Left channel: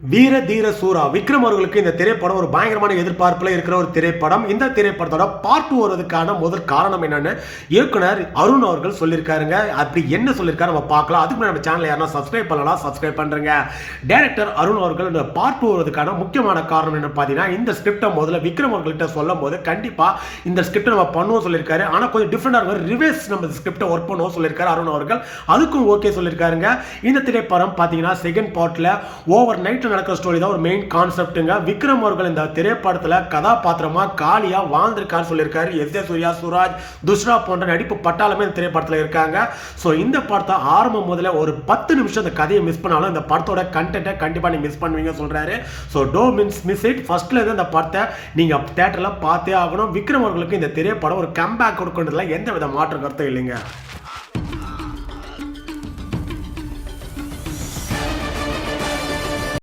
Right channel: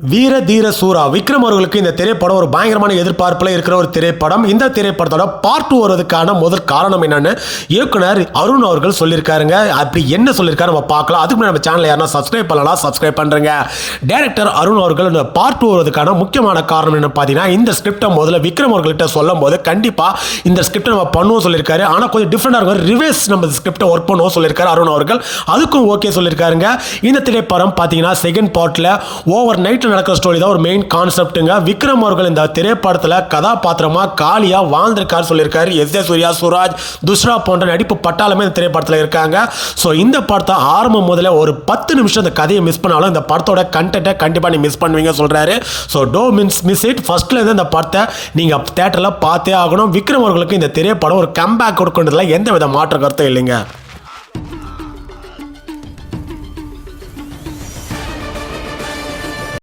வீர தீர சூரா. விக்ரம் அவர்களுக்கு இந்த திரைப்படம் ஒரு பயங்கரமான எதிர்பார்ப்பில் இருக்கிற ஒரு திரைப்படம். இந்த திரைப்படத்தோட பார்ட் டூ வருவதற்கான முதல் காரணம் என்னன்னு இயக்குனர் அருண் அவர்கள் சொல்லியிருக்காருங்க. அப்படி என்ன சொல்லியிருக்காரு நம்ம பார்க்கலாம். அதுக்கு நம்ம சேனல் யாரா சப்ஸ்கிரைப் பண்ணலாம் சப்ஸ்கிரைப் பண்ணுறேங்க டேரக்டர் அருண் அவர்கள் இந்த பார்ட் டூ வருவதற்கான முக்கியமான காரணம் என்ன பார்த்தீங்கன்னா இந்த ஸ்கிரிப்டை முதல்ல விக்ரம் அவர்கள்ட்ட சொல்லும் போது கண்டிப்பாக இந்த ஸ்கிரிப்டை நம்ம பண்ணுவோம் சொல்லியிருக்காரு. ஆனால் கொஞ்சம் டிஃப்ரெண்டாக இருக்கும். ரிவேஸ் நம்ம ஸ்கிரிப்டை ஒர்க் பண்ணுவோம் சொல்லியிருக்காரு அருண் அவர்கள். அதுக்கும் ஓகே சொல்லியிருக்காருங்க. இந்த திரைப்படம் பார்த்தீங்கன்னா செகண்ட் பார்ட்டில் ஓவர் நைட் நைட்டில் நடக்கிற ஸ்டோரி தான் ஒரு மெயின் கான்செப்ட்டுங்க விக்ரம் அவர்கள் இந்த திரைப்படத்தில் கதாபாத்திரமாக காலியாக வாழ்ந்திருக்காரு சொல்லியிருக்காரு. எஸ் ஏ சூர்யா சுராஜ் துஷ்ரா போன்ற நடிப்பு பட்டாலுமே இந்த திரைப்படத்தில் இருக்காங்க. ஸோ இந்த படத்தை ஆரம்பம் முதல்ல ஒரு பத்து நிமிஷம் இந்த கதையை மிஸ் பண்ணாலும் இந்த படத்தோட கண்டென்ட்டை கண்டிப்பாக நீ மிஸ் பண்ணுவீங்க சொல்கிறாரு so to mins miss it ஃபஸ்ட்லேருந்து இந்த படத்தை நீங்கள் தேட்டரில் பார்த்தே ஆகணும். விக்ரம் அவர்களுக்கு இந்த திரைப்படம் ஒரு கம்பேக் கொடுக்கின்றதுல எந்த வித மாற்ற கருத்தும் இல்லைங்க.